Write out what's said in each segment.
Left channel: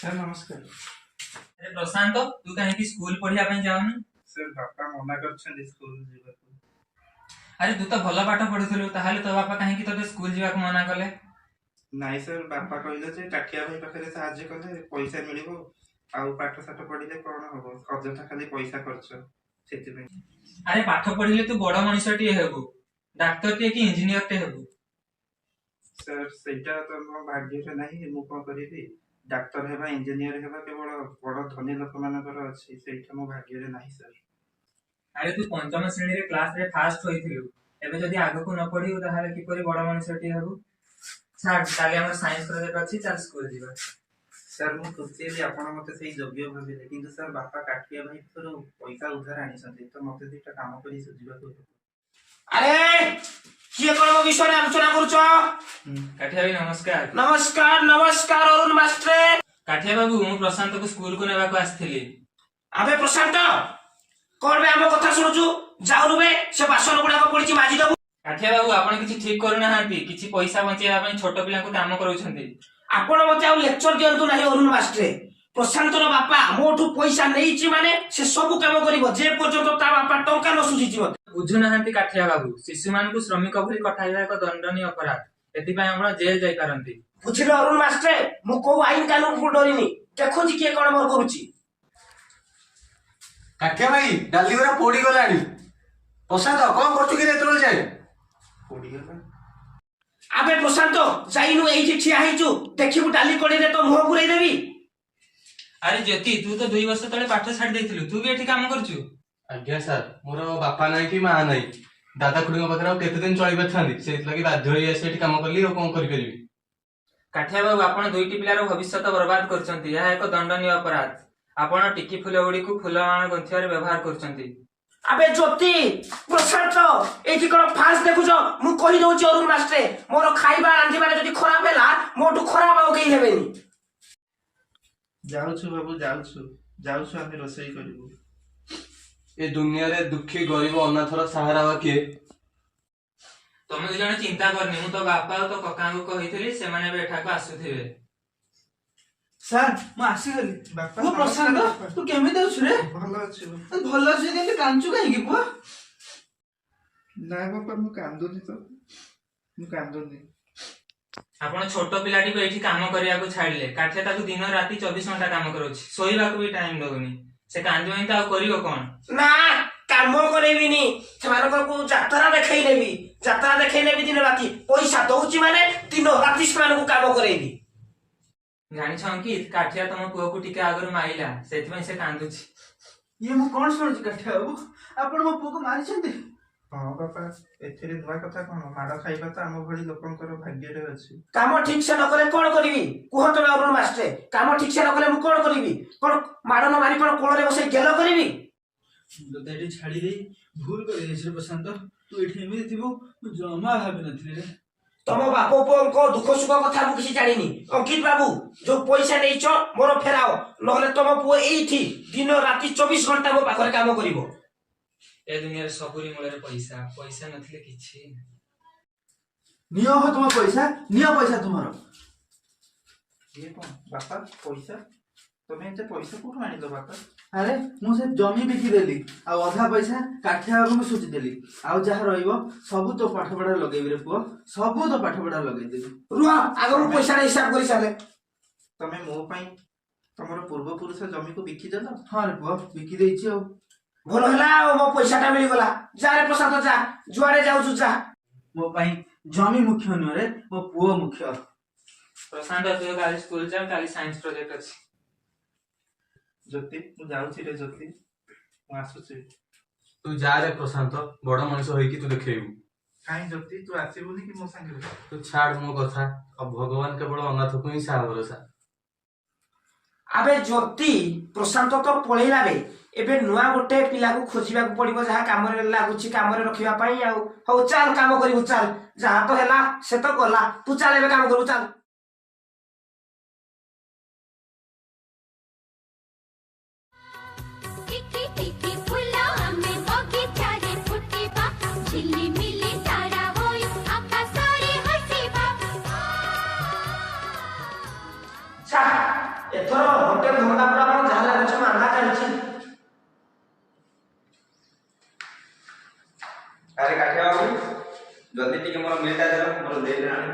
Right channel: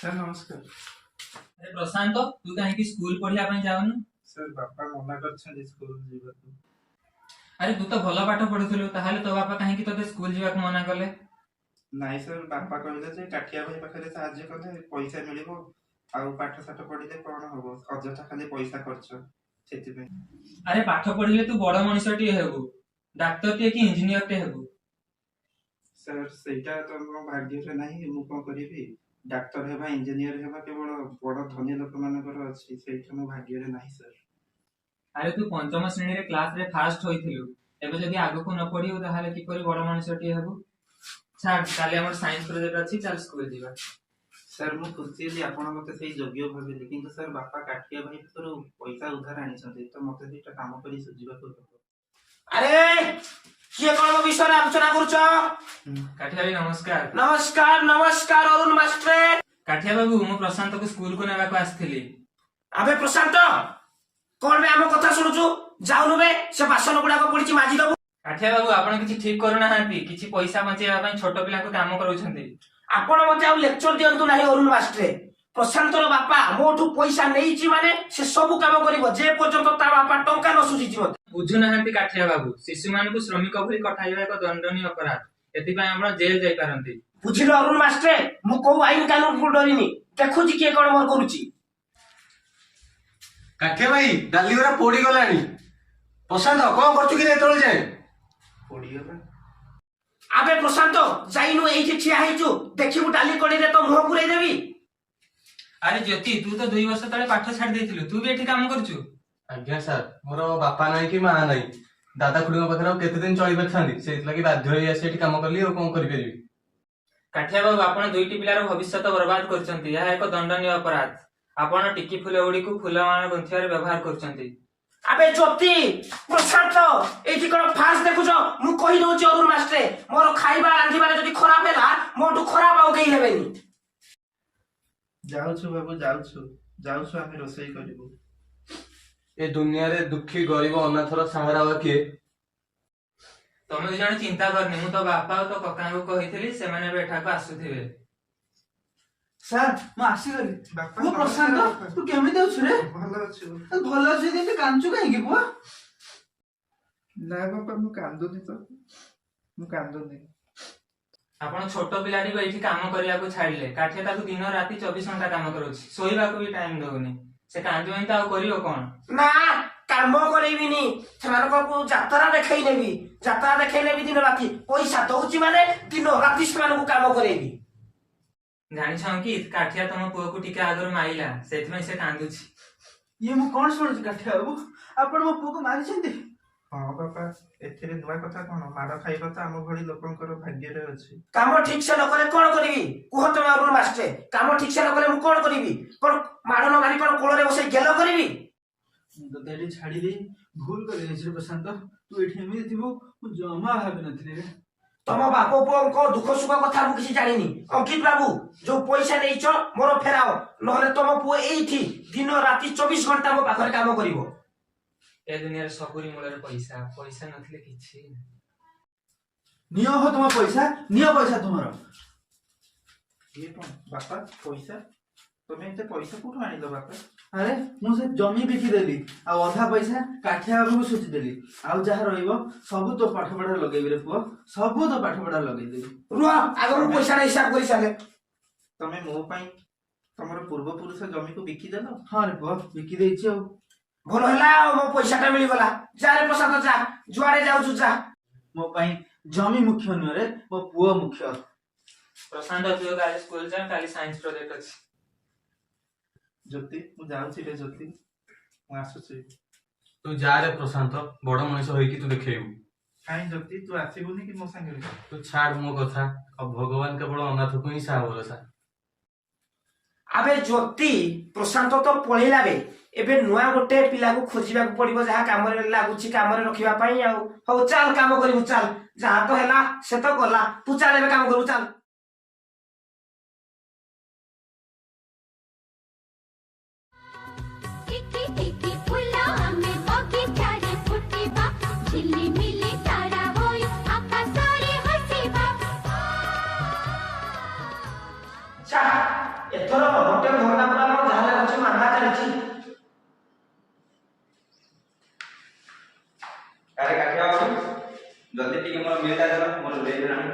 Sir नमस्कार। अरे प्रशांत तू कहीं स्कूल पढ़िया जाऊनु? सर बापा मना कर स्कूल जीवा को। अरे तू तो भल पाठ पढ़ुलु ताहले तो बापा कहीं तोते स्कूल जीवा को मना कले? नाइ सर बापा कहले जे काठिया भाई पाखरे सहाय्य कले पैसा मिलिबो आउ पाठ साठ पढिले कोन हबो अजथा खाली पैसा खर्च सेति पे। अरे पाठ पढ़िले तू बड़ मनुष्यटी हेबु, डाक्टर टे कि इंजीनियर टे हेबु। सर सेटा तो मो भाग्य रे नाही मु कोन करिबी डाक्टर हेबा इंजीनियर हेबा केवल बड़ धनी लोक मानकर अछि सेटा मो भाग्य रे नाही सर। अरे तू पंचम श्रेणी रे क्लास रे फास्ट होइथिलु एबे जदी आगो को न पढिउ ताहाले कि परि बड़ मनुष्यटी हेबु। छाड़ काले हमर साइंस प्रोजेक्ट अछि चल स्कूल जीवा। सर मु खुशी जे आपण मते सेही योग्य भाबिले किंतु सर बापा काठिया भाई पर पैसा उधार आनी छथि तो मते दिटा काम करी सुजीवा को। अरे किए कोन मो विषय आलोचना करूछ? काठिया भाई नमस्कार। नमस्कार नमस्कार अरुण मास्टर। काठिया बाबू मु प्रशांत को स्कूल को नेबा को आस्थिली। अबे प्रशांत कोन बे हम कथा सुनुछु जाउनु बे से बासन गुडा को पडिची माजी दबु। काठिया बाबू आपण किछि ठीक करू नाहांती किछि पैसा बचेबा पई छोट पिला को काम करूछंती। आपण मते आ लेक्चर दियंतु नाही अरुण मास्टर। प्रशांतर बापा मोठु पैसा नेइची माने से सब काम करिवो जे पर्यंत ता बापा टंका न सुझिची मते बुझु नाहांती काठिया बाबू शिशु मान को श्रमिक भली कठाइबा एक दंडनीय अपराध एति पई आपण जेल जाई पारंती। बुझिलो अरुण मास्टर मु को आईन कानून को डरिनी देखुची के कोन मोर करूची। काठिया भाई डाली गरा पोड़ी गलानी प्रशांत कोन करछु कि एतोल जाय पोडी गला। अबे प्रशांत जाइनु एठी ठिया हेचु देखिबु डाली कोडी रे तो मुह पुरै देबी। अरे ज्योति तू तो 2 वर्ष तले पाठ छाड़ देथिलु तू भी एठी काम करछु? आज्ञा सर मोर बापा नाही कि मां नाही दादा खुडी पाखरा केते दिन चली बथांदी सेति लागि बाध्य होई आसे एठी काम करली ओ कोन करि परिबी। काठिया बाबू आपण दुईटी पिलार भविष्य बर्बाद करछंती यह एक दंडनीय अपराध। आपण टिकी फुल गुडी को फुलमाला गंथियार व्यवहार करछंती। अबे ज्योति प्रशांत एठी कोन फास्ट देखुछो मु कहि दोछि अरुण मास्टर मोर खाइबा रांधिबारे जदी खराब हेला मोटु खराब आउ केही हेबेनी। जाउछु बाबू जाउछु आमे रोसई करिबो। ए दुनिया रे दुखी गरीब अनाथर सहारा बा के तमे जने चिंता करनी मु तो बापा तो कका को कहितली से माने बैठा को आसुथिबे। सर मु आसी गली बापा वो प्रशांत तू केमे देउछु रे? भलो अछि। भलो अछि देते कांचू काहे की बुआ? ना बापा मु कांदोनी तो मु कांदोनी। आपण छोट पिलाटी को एठी काम करिया को छाडले काठिया ताकू दिन राती 24 घंटा काम करूछि सोईबा को भी टाइम दउनी से कांदियो ता करियो कोन ना काम करेबिनी सेमानको को यात्रा देखाई नेबी दिन राती पैसा दउची माने दिन राती सेमानको काम करेबी। जानि छन कि काठिया तम पुओ को टिके आगर माइला सेति में से कांदुछि। ये मु कोन सुनुछि काठिया बाबू आपण मो पुओ को मारि छथि? हां बापा एथिरे दुआ कथा कोन माड खाइबा तो आम भली लोकंकर भाग्य रे अछि। काम ठीक से न करे कोन करबी कुह तमे अरुण मास्टर काम ठीक से न करे मु कोन करबी कोन माड न मारि कोन कोळरे बसै गेलो करबी। तो देडी छाडी दे भूल कर देछ रे प्रशांत तू एठी एमे थिबो मु जमा भाबी नथिले रे। तम बापो पुओ दुख सुख कथा मु किछि जानिनी। अंकित बाबू जो पैसा नेइछो मोर फेराओ नहले तम पुओ एठी दिन राती 24 घंटा मो पाखरे काम करिवो। ए दुनिया रे सबुरी मूल रे पैसा पैसा नथिले किछि नियो हो तुम पैसा नियो पैसा तुमरो। ये कोन बापा पैसा तमे एते पैसा कोठु आनिलो बापा? अरे मु से जमी बिकी देली आ अधा पैसा काठिया बाबू को सोची देली आ जहा रहइबो सब तो पाठ पढा लगेबी रे पुओ सब तो पाठ पढा लगेई देबी। रुआ आगो मु पैसा रे हिसाब करि साले तमे मो पई तमरो पूर्व पुरुष जमी को बिकी देलो? हां रे पुओ बिकी देइछि आ भलो हला मो पैसाटा मिली गला जा रे प्रसाद जा जुआडे जाउ जा। मो पई जमी मुख्य न रे मो पुओ मुख्य। प्रशांत तू काली स्कूल जा काली साइंस प्रोजेक्ट अछि। ज्योति मु जाउछि रे ज्योति मु आसुछि। तू जा रे प्रशांत बड़ मनुष्य होई कि तू देखेबू। काई ज्योति तू आसीबुनी कि मो संगे रे? तू छाड़ मो कथा अब भगवान केवल अनाथ को ही साहा भरोसा। अबे ज्योति प्रशांत तो पळेला बे एबे नुआ गोटे पिला को खोजिबा को पड़िबो जहा काम रे लागुछि काम रे रखिबा पई आ हो चल काम करिबो चल जहा तो हैला से तो गला तू चल एबे काम करू चल। टिकी टिकी फुला हमें बगीचा रे फुटिबा झिल्ली मिली तारा होय आकाश रे हसीबा। चा एथरो ଆରେ କାଠିଆ ବାବୁ ଜଲ୍ଦି ଟିକେ ମୋର ମିଲ୍ଟା ଦେବ ମୋର ଲେଟ୍ ହେଲାଣି।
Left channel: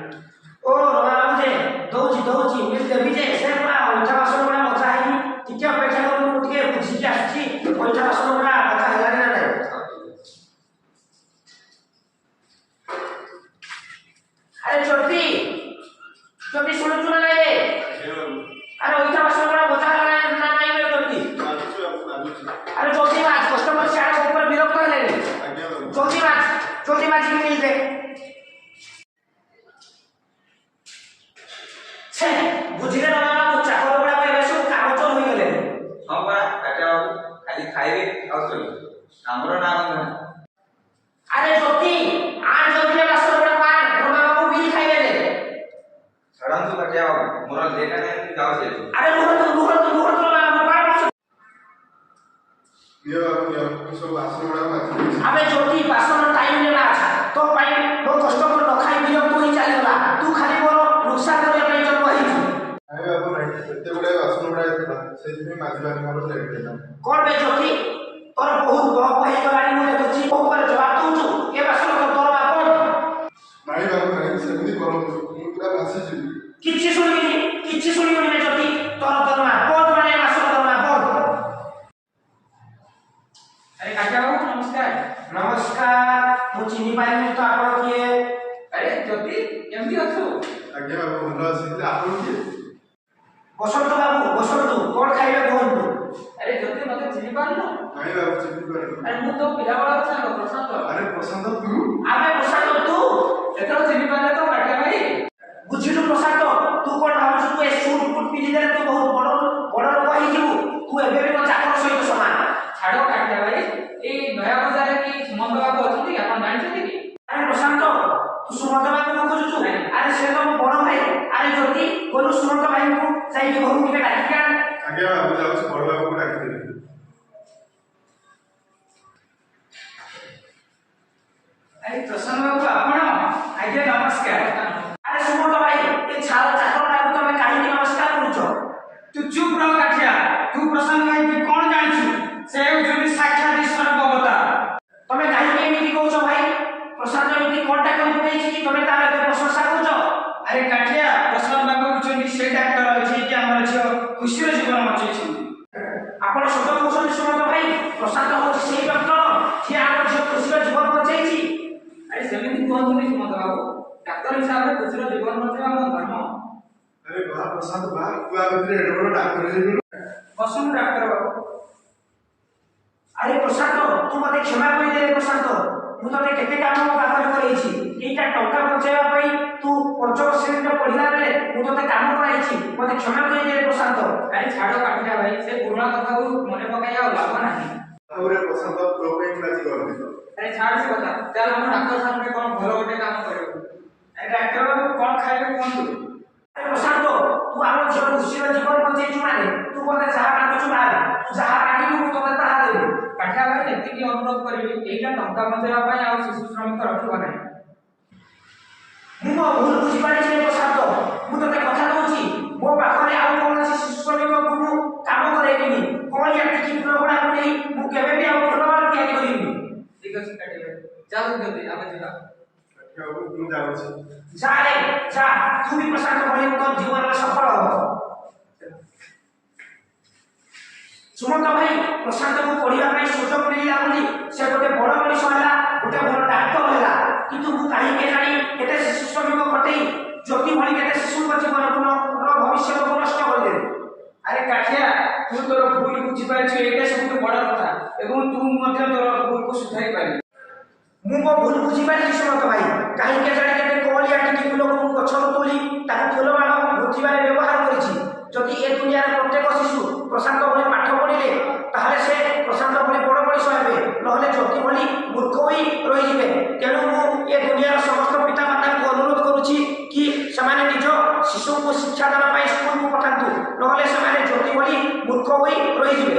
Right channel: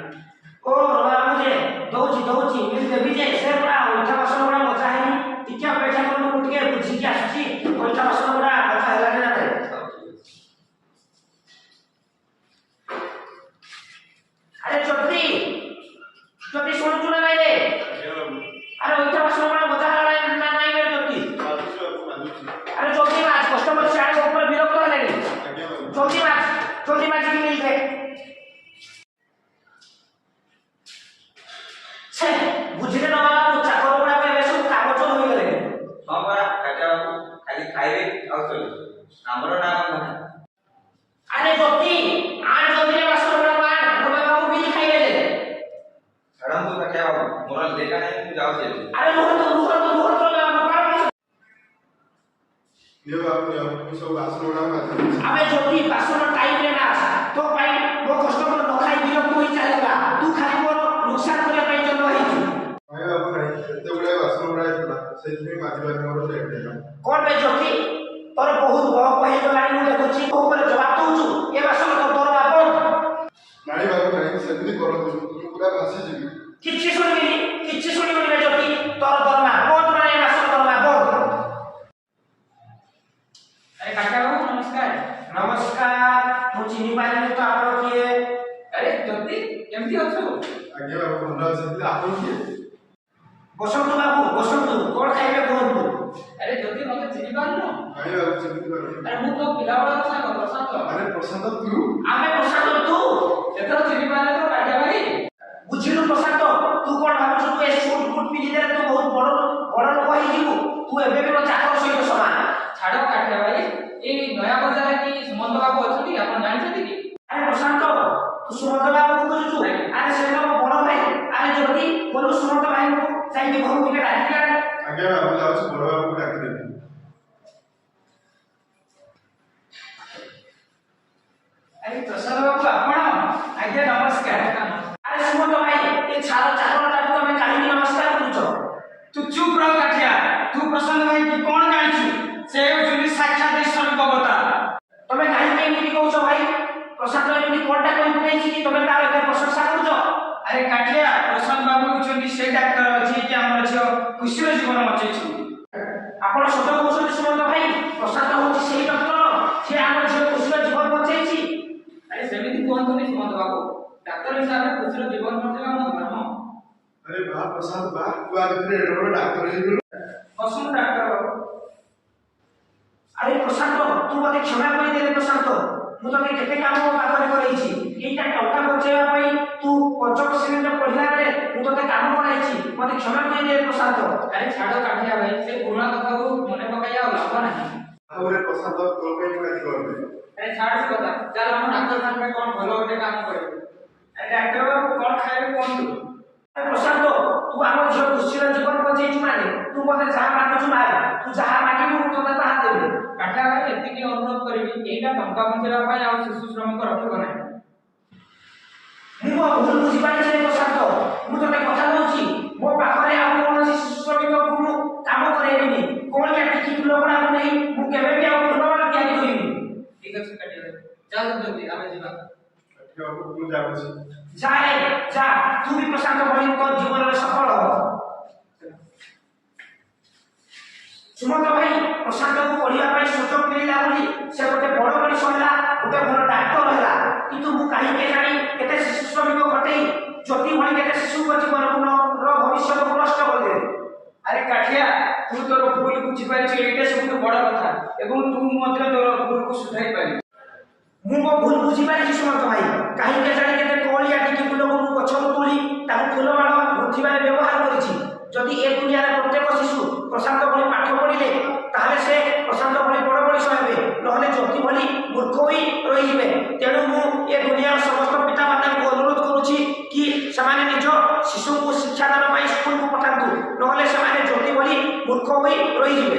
ଓ ବାବୁ ଯେ ଦଉଛି ମିଲ୍ ଦେବି ଯେ ସେ ପୁରା ଅଇଁଠା ବାସନ ଗୁଡ଼ା ମଜା ହେଇନି। ଟିକେ ଅପେକ୍ଷା କରନ୍ତୁ, ମୁଁ ଟିକେ ବୁଝିକି ଆସୁଛି ଅଇଁଠା ବାସନ ଗୁଡ଼ା ମଜା ହେଲାଣି ନା ନାହିଁ। ଆରେ ଜ୍ୟୋତି ଶୁଣୁଛୁ ନା ନାଇଁ ରେ? ଆରେ ଅଇଁଠା ବାସନ ଗୁଡ଼ା ମଜା ହେଲାଣି ନା ନାଇଁ ରେ ଜ୍ୟୋତି? ଆରେ ଜଲ୍ଦି ମାଛ, କଷ୍ଟମର ସିଆଡ଼େ ଉପରେ ବିରକ୍ତ ହେଲେଣି। ଜଲ୍ଦି ମାଛିକି ମିଲ୍ ଦେ। ସେ ବୁଝିଲେ ନା ବାବୁ, ଚାକର ଗୁଡ଼ାକ ଏବେ ସବୁ କାଗଜ ହୋଇଗଲେଣି। ହଁ ପରା କାଠିଆ ବାବୁ ଖାଲି ଖାଇବେ ଆଉ ଶୋଇବେ, ଆମର ନା ଗନ୍ଧ। ଆରେ ଜ୍ୟୋତି ଆଣ ଜଲ୍ଦିରେ ବାସନ ଗୁଡ଼ାକ ଆଣ, ରମା ବାବୁ ବିଲ୍ ଖାଇଦେଲେ। ଛାଡ଼ନ୍ତୁ କାଠିଆ ବାବୁ ମୋର ଲେଟ୍ ହେଲାଣି, ମୁଁ ଯାଉଛି ଏବେ। ଆରେ ରୁହନ୍ତୁ ରମା ବାବୁ, ଆମେ ଜ୍ୟୋତି ବାସନ ଟାଇମରେ ମାଛ ତୋ ପାଇଁ ମୋ କଷ୍ଟମର ନ ଖାଇ ବିରକ୍ତ ହୋଇ ଚାଲିଗଲା। ତୁ ଖାଲି ମୋର ନୁକସାନ କରିବା ପାଇଁ ଜନ୍ମ ହେଇଛୁ। କଣ ବେ ଜ୍ୟୋତି, ତୋର ବହୁତ ବହପ ହେଇଗଲାଣି ମୁଁ ଦେଖୁଛି। ମୋ ଉପରେ ଜବାବ ଦଉଛୁ, ଏ ବାସନ ତୋର ବାପ। କିଛି ଶୁଣିବିନି ବେ ଜ୍ୟୋତି, ତୋର ଦରମା ବନ୍ଦ, ମାନେ ଏ ବାସନ ଦରମା ବନ୍ଦ। ଆରେ କାକା ବାବୁ ନମସ୍କାର। ନମସ୍କାର, ମୁଁ ଚିହ୍ନି ପାରିନି ତ ଆପଣ କିଏ? ଆରେ ଜ୍ୟୋତି କେମିତି ଅଛୁ? ବସନ୍ତୁ ବାବୁ ବସନ୍ତୁ, କଣ ଖାଇବେ କୁହନ୍ତୁ? ଆରେ ଜ୍ୟୋତି ମତେ ଚିହ୍ନି ପାରୁନୁ? ଆରେ ମୁଁ ତୋ ପିଲାବେଳର ସାଙ୍ଗ ପ୍ରଶାନ୍ତ। ଆମେ ପ୍ରଶାନ୍ତ, ତୁ ଏଥର ଚିହ୍ନି ପାରିଲେ ତ କାଠିଆ ଭାଇ? ବୁଝିଲୁ ପ୍ରଶାନ୍ତ, ତୁ କଣ ଭାବୁଛୁ ତୁ ଏ ସୁଟ ବୁଟ ପିନ୍ଧିଦେଲେ ତୁ ବହୁତ ବଡ ଲୋକ ହେଇଯିବୁ? ତୁ ଏବେ ବି ମୋ ଚାକର ସହିତ ସମାନ। ଛାଡ଼ କାଠିଆ ଭାଇ, ଏଇ ନୟା ବଜାରରେ କି ସୁମନ୍ତ ବାବୁ ଅଛନ୍ତି ଆପଣ ଜାଣିଛନ୍ତି କି? ଆରେ ପ୍ରଶାନ୍ତ, ତୁ ସୁମନ୍ତ ବାବୁକୁ ଖୋଜୁଛୁ? ଆରେ ସେ ମୋ ବଡ ଭାଇ। ଆରେ ଯଦି ବୋଲୁ ସୁମନ୍ତ ଭାଇଙ୍କୁ ଯାଇକି ଘରକୁ ଟିକେ ଡାକିକି ଆଣ। ଆରେ ପ୍ରସନ୍ନ ବାବୁ ଆପଣ? ଆଜ୍ଞା ନମସ୍କାର। ଆରେ ସୁମନ୍ତ ଭାଇ, ଏ ଛାର ଚାକରଟାକୁ ତମେ କାହିଁକି ନମସ୍କାର କରୁଛ? ତୁ ଚୁପ ରହ କାଠିଆ, ତୁ ପ୍ରସନ୍ନ ଭାଇ କି କଣ ଜାଣିଛୁ? ସେ ହେଉଛନ୍ତି ସାକ୍ଷାତ ଈଶ୍ୱରଙ୍କ ଅବତାର। ତମେ କାହିଁକି ଏମିତି କହୁଛ ଭାଇ? ପ୍ରଶାନ୍ତ ଏମିତି କଣଟା କରି ପକେଇଛି କି ତମେ ତାର ଏତେ ପ୍ରଶଂସା କରୁଛ? ଆରେ କାଠିଆ, ପ୍ରସନ୍ନ ବାବୁ ହେଉଛନ୍ତି ସେ ଡାକ୍ତର ଯିଏକି ଆମର ଝିଅ ଖୁସିର ଜୀବନ ବଞ୍ଚେଇଛନ୍ତି। ଆପଣ ସତ କହୁଛନ୍ତି ସୁମନ୍ତ ଭାଇ? ପ୍ରଶାନ୍ତ ହଉଛି ସେଇ ଡକ୍ଟର ଯିଏ ଆମ ଝିଅ ଖୁସିର ଜୀବନ ବଞ୍ଚେଇଛି? ଆରେ ସେମିତି କୁହନ୍ତୁନି ସୁମନ୍ତ ବାବୁ, ଡାକ୍ତର ହିସାବରେ ଖୁସିର ଜୀବନ ବଞ୍ଚେଇବା ମୋ ଧର୍ମ। ବସନ୍ତୁ ଡାକ୍ତର ବାବୁ। ଆରେ ପ୍ରଶାନ୍ତ, ତୁ ମତେ କ୍ଷମା କରିଦେ ପ୍ରଶାନ୍ତ, ମୁଁ ତତେ କେତେ କାମ ପାଖରେ କରେଇଛି। ଏଇଟା ଟଙ୍କା ବଞ୍ଚେଇବା ପାଇଁ ତୁ ପଞ୍ଚମ ଶ୍ରେଣୀରେ ପଢିଲା ବେଳେ ମୁଁ ତତେ କାମ କରାଇଛି, ମତେ କ୍ଷମା କରିଦେ ପ୍ରଶାନ୍ତ। ଆରେ ଛାଡ଼ କାଠିଆ ଭାଇ, ସେ ପୁରୁଣା କଥାକୁ ମନେ ପକାଇ ଆଉ ଲାଭ ନାହିଁ। ଆରେ ଛାଡ଼ ସେ କଥା, ଚାଲ ଆମ ଡାକ୍ତରଖାନାରେ କଣ ଭଲ ଗୋଟେ କାମ କରିବୁ। ଆରେ ଡାକ୍ତର ବାବୁ କଣ ଖାଇବେ କୁହନ୍ତୁ? ଆରେ ପ୍ରଶାନ୍ତ, ତୁ ଆମ ଝିଅ ଖୁସିର ଜୀବନ ବଞ୍ଚେଇଛୁ ମାନେ ତୁ ମତେ ଯାହା ମାଗୁଛୁ ମାଗ, ତୁ ଯାହା ମାଗିବୁ ମୁଁ ତତେ ତାହା ଦେବି। କାଠିଆ ଭାଇ ଏତିକି ଅନୁରୋଧ କରିବି, ଏଇଟା ଟଙ୍କା ବଞ୍ଚେଇବା ପାଇଁ ଆଉ ଶିଶୁ ଶ୍ରମିକ ରଖିବ ନାହିଁ। ମୁଁ ମୋ ଭୁଲ ବୁଝିପାରିଛି ପ୍ରଶାନ୍ତ, ମୁଁ ତତେ କଥା ଦଉଛି ମୋ ପାଖରେ ଆଉ କୌଣସି ଶିଶୁ ଶ୍ରମିକକୁ ମୁଁ କାମ କରେଇବିନି। କଳିଆ ଟିକି ଫୁଲ ଗୁଡ଼ାକୁ ନେଇ ମୁଁ କେବେ ବି ଆଉ ଫୁଲମାଳ ତିଆରି କରିବିନି। ଠିକ ଅଛି କାଠିଆ ଭାଇ, ଚାଲ ଯଦି ଆମେ ଯିବା। ଯା ରେ ଯା, ତୁ ବି ପ୍ରଶାନ୍ତ ଭଳି ତୋ ଜୀବନରେ ସଫଳ ହବ। ସୁମନ୍ତ ଭାଇ, ପ୍ରଶାନ୍ତକୁ ପଢିବା ପାଇଁ ସୁଯୋଗ ମିଳିଲା ବୋଲି ସେ ଗୋଟେ ବଡ ମଣିଷ ହେଲା, ଗୋଟେ ଭଲ ଡାକ୍ତର ହେଲା। କିନ୍ତୁ ମୁଁ କାହିଁକି ଜାଣି କେତେ ଶିଶୁ ଶ୍ରମିକ ଘଟେଇ ଜ୍ୟୋତି ଭଳି କେତେ ଶିଶୁଙ୍କ ଜୀବନକୁ ଭବିଷ୍ୟତକୁ ନଷ୍ଟ କରିଦେଲି। ଆରେ କାଠିଆ, ତୁ ତୋର ଭୁଲ ବୁଝିପାରିଛୁ, ଏଇଟା ସବୁଠୁ ବଡ କଥା, ଏବଂ ତୁ ମଧ୍ୟ ତୋର ଭୁଲକୁ ସୁଧାରି ପାରିବୁ। ମୁଁ ମୋ ଭୁଲ ବୁଝିପାରିଛି ସୁମନ୍ତ ଭାଇ, କାହିଁକି ଜାଣି କେତେ କଳିଆ ଟିକି ଫୁଲକୁ ମୁଁ ଗଛରୁ ତୋଳି ତାକୁ ଫୁଲମାଳ ଗୁନ୍ଥିବାରେ ବ୍ୟବହାର କରିଛି। ଯଦି ଏ ଦୁନିଆରେ ପ୍ରତ୍ୟେକ ଶିଶୁ ପ୍ରଶାନ୍ତ ଭଳି ପାଠ ପଢିଲେ ତାହେଲେ ସେ ପ୍ରଶାନ୍ତ ଭଳି ବଡ ମଣିଷ ହେବେ, ନହେଲେ ଜ୍ୟୋତି ଭଳି ମୂର୍ଖ ହୋଇ ରହିଯିବେ। ତେଣୁ ମୁଁ ଏ ଦୁନିଆର ସମସ୍ତ ପିତାମାତାଙ୍କୁ ଅନୁରୋଧ କରୁଛି କି ସେମାନେ ନିଜ ଶିଶୁଙ୍କୁ ଶିକ୍ଷାଦାନ ପାଇଁ ସ୍କୁଲକୁ ପଠାନ୍ତୁ, ନହେଲେ ସେମାନେ ଜ୍ୟୋତି ଭଳି ମୂର୍ଖ ହୋଇ ରହିଯିବେ।